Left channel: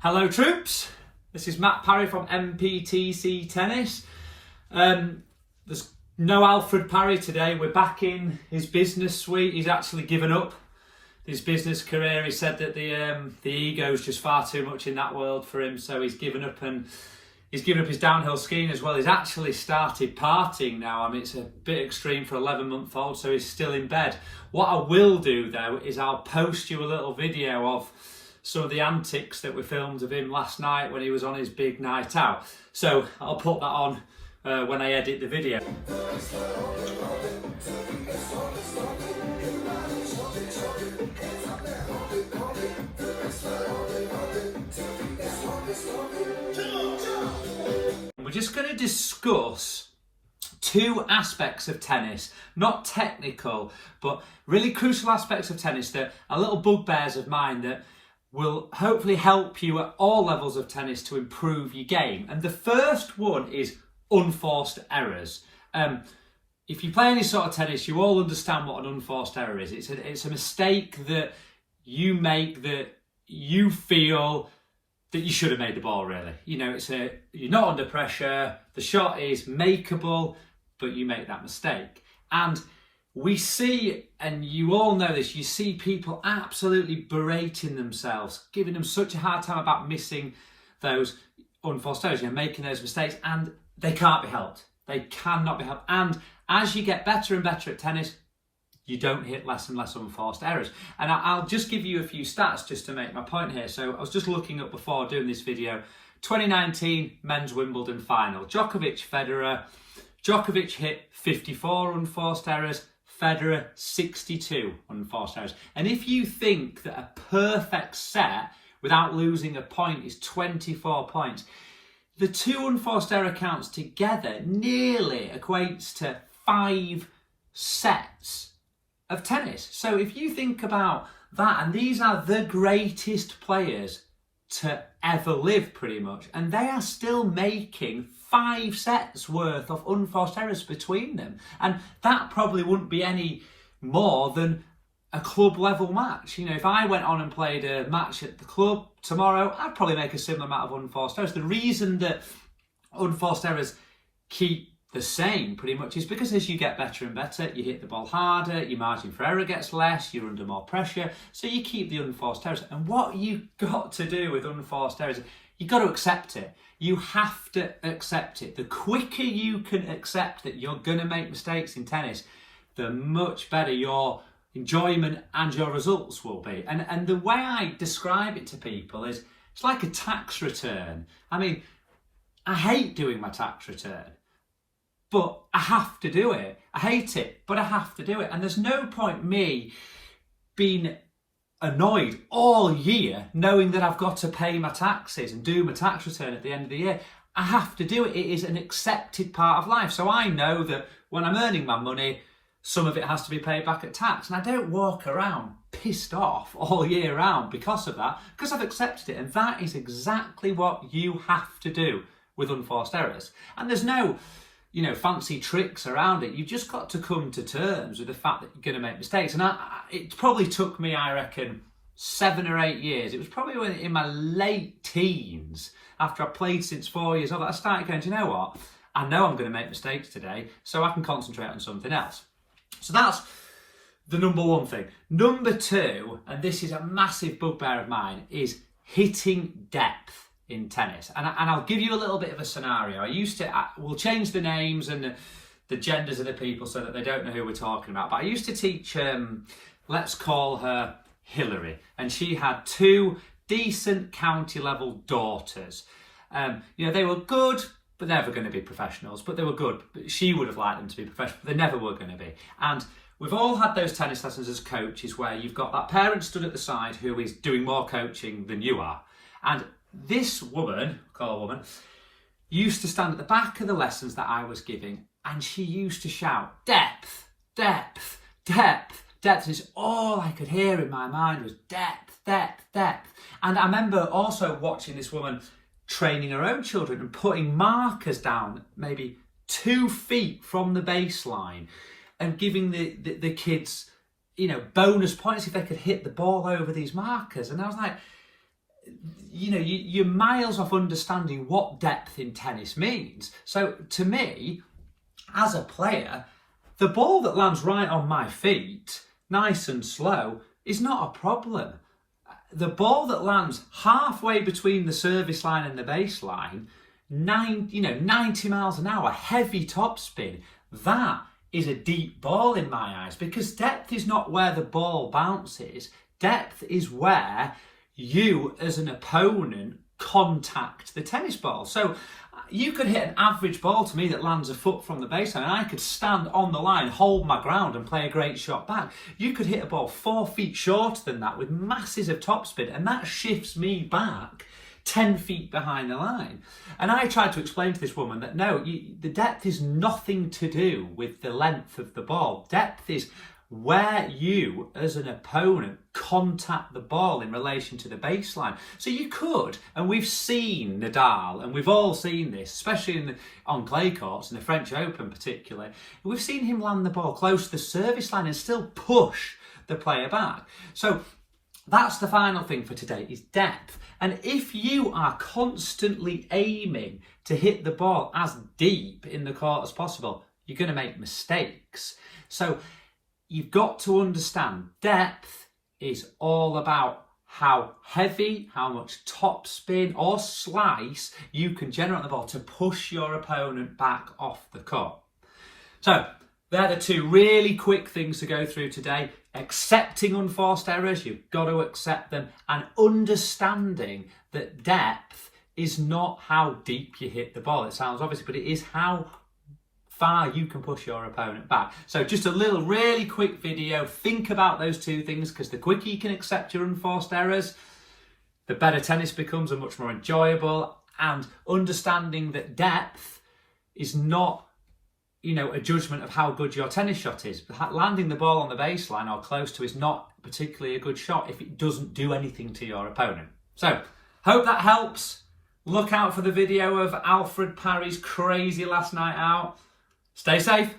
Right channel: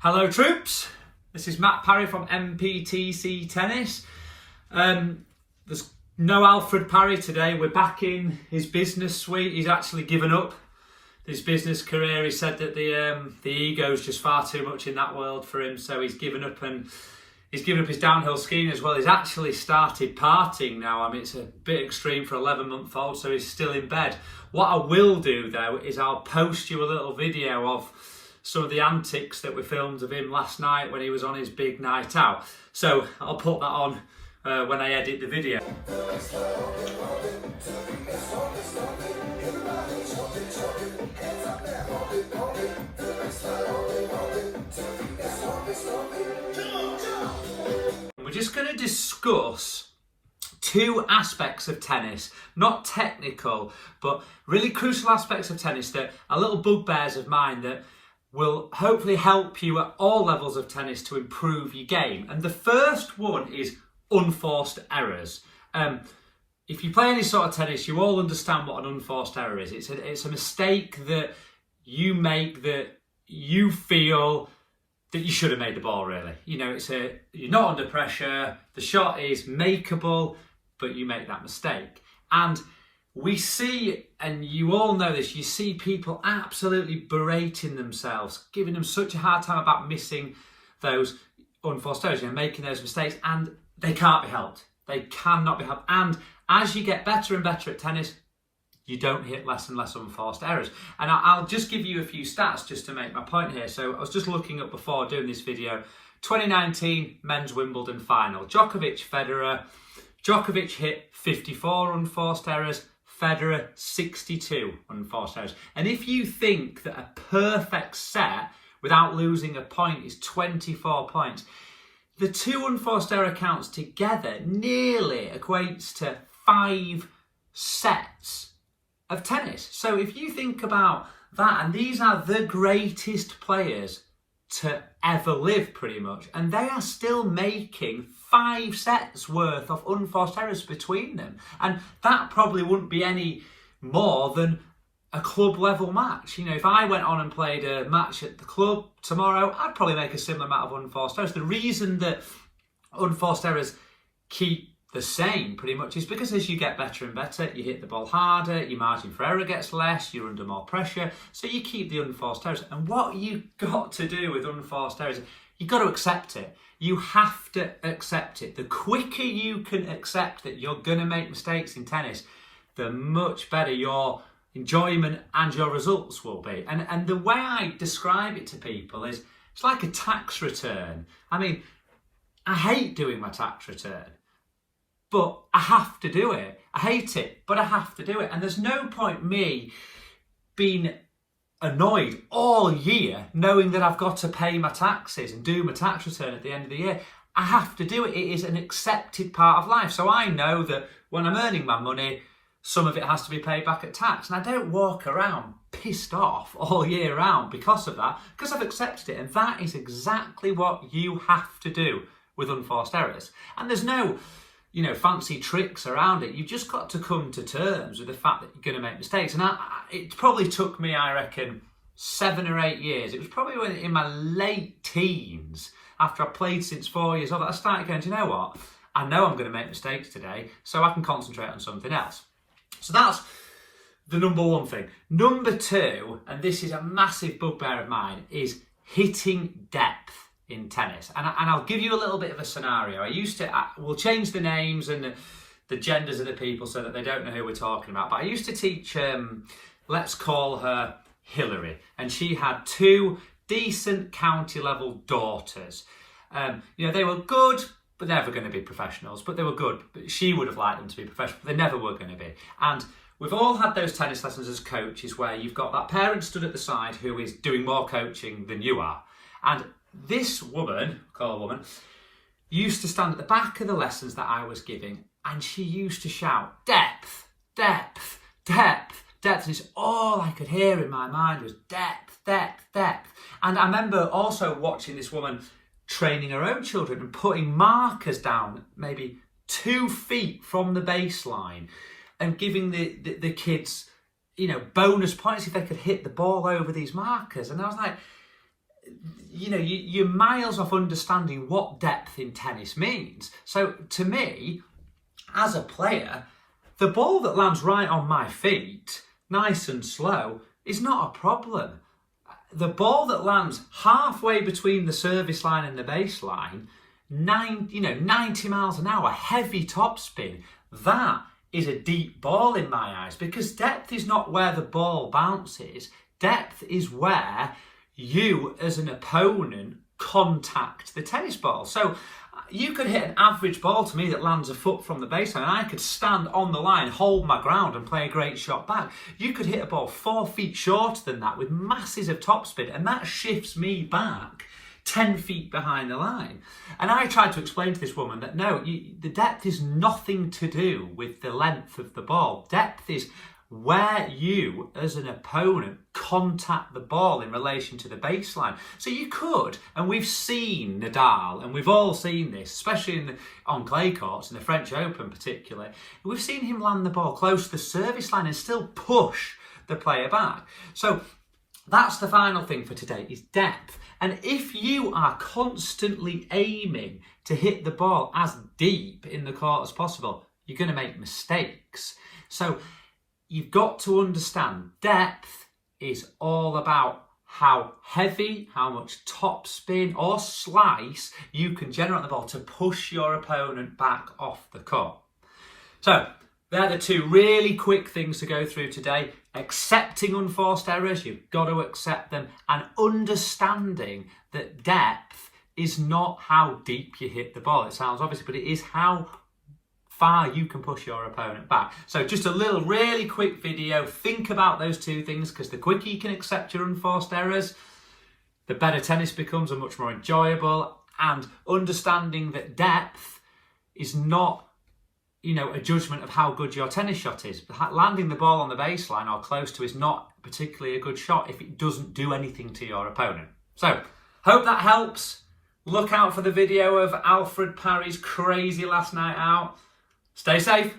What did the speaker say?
Hello troops, this is Matt Parry from MPTC Tennis. There's no Alfred Parry today. We're back in his business suite. He's actually given up his business career. He said that the ego is just far too much in that world for him, so he's given up, and he's given up his downhill skiing as well. He's actually started partying now. I mean, it's a bit extreme for an 11-month-old, so he's still in bed. What I will do though is I'll post you a little video of some of the antics that were filmed of him last night when he was on his big night out. So I'll put that on when I edit the video. We're just going to discuss two aspects of tennis, not technical, but really crucial aspects of tennis that are little bugbears of mine that will hopefully help you at all levels of tennis to improve your game. And the first one is unforced errors. If you play any sort of tennis, you all understand what an unforced error is. It's a mistake that you make that you feel that you should have made the ball, really. You know, you're not under pressure, the shot is makeable, but you make that mistake. And we see, and you all know this, you see people absolutely berating themselves, giving them such a hard time about missing those unforced errors, making those mistakes, and they can't be helped. They cannot be helped. And as you get better and better at tennis, you don't hit less and less unforced errors. And I'll just give you a few stats just to make my point here. So I was just looking up before doing this video, 2019 men's Wimbledon final, Federer. Djokovic hit 54 unforced errors, Federer 62 unforced errors. And if you think that a perfect set without losing a point is 24 points, the two unforced error counts together nearly equates to 5 sets of tennis. So if you think about that, and these are the greatest players to ever live pretty much, and they are still making 5 sets worth of unforced errors between them. And that probably wouldn't be any more than a club level match. You know, if I went on and played a match at the club tomorrow, I'd probably make a similar amount of unforced errors. The reason that unforced errors keep the same pretty much is because as you get better and better, you hit the ball harder, your margin for error gets less, you're under more pressure, so you keep the unforced errors. And what you've got to do with unforced errors, you've got to accept it. You have to accept it. The quicker you can accept that you're going to make mistakes in tennis, the much better your enjoyment and your results will be. And the way I describe it to people is it's like a tax return. I mean, I hate doing my tax return, but I have to do it. I hate it, but I have to do it. And there's no point me being annoyed all year knowing that I've got to pay my taxes and do my tax return at the end of the year. I have to do it. It is an accepted part of life. So I know that when I'm earning my money, some of it has to be paid back at tax. And I don't walk around pissed off all year round because of that, because I've accepted it. And that is exactly what you have to do with unforced errors. And there's no fancy tricks around it. You've just got to come to terms with the fact that you're going to make mistakes. And it probably took me, I reckon, 7 or 8 years. It was probably in my late teens, after I played since 4 years old, I started going, do you know what? I know I'm going to make mistakes today, so I can concentrate on something else. So that's the number one thing. Number two, and this is a massive bugbear of mine, is hitting depth in tennis. And I'll give you a little bit of a scenario. We'll change the names and the genders of the people so that they don't know who we're talking about. But I used to teach, let's call her Hillary. And she had 2 decent county level daughters. They were good, but never going to be professionals. But they were good. She would have liked them to be professional, but they never were going to be. And we've all had those tennis lessons as coaches where you've got that parent stood at the side who is doing more coaching than you are. And this woman, call her a woman, used to stand at the back of the lessons that I was giving, and she used to shout, depth, depth, depth, depth. And it's all I could hear in my mind was depth, depth, depth. And I remember also watching this woman training her own children and putting markers down maybe 2 feet from the baseline and giving the kids, bonus points if they could hit the ball over these markers. And I was like, you're miles off understanding what depth in tennis means. So to me, as a player, the ball that lands right on my feet, nice and slow, is not a problem. The ball that lands halfway between the service line and the baseline, 90 miles an hour, heavy topspin, that is a deep ball in my eyes, because depth is not where the ball bounces. Depth is where you as an opponent contact the tennis ball. So you could hit an average ball to me that lands a foot from the baseline, and I could stand on the line, hold my ground and play a great shot back. You could hit a ball 4 feet shorter than that with masses of topspin, and that shifts me back 10 feet behind the line. And I tried to explain to this woman that no, the depth is nothing to do with the length of the ball. Depth is where you, as an opponent, contact the ball in relation to the baseline. So you could, and we've seen Nadal, and we've all seen this, especially on clay courts, in the French Open particularly, we've seen him land the ball close to the service line and still push the player back. So that's the final thing for today, is depth. And if you are constantly aiming to hit the ball as deep in the court as possible, you're going to make mistakes. So you've got to understand depth is all about how heavy, how much topspin or slice you can generate on the ball to push your opponent back off the court. So they're the two really quick things to go through today. Accepting unforced errors, you've got to accept them, and understanding that depth is not how deep you hit the ball. It sounds obvious, but it is how far you can push your opponent back. So just a little really quick video. Think about those two things, because the quicker you can accept your unforced errors, the better tennis becomes and much more enjoyable. And understanding that depth is not, a judgment of how good your tennis shot is. Landing the ball on the baseline or close to is not particularly a good shot if it doesn't do anything to your opponent. So, hope that helps. Look out for the video of Alfred Parry's crazy last night out. Stay safe.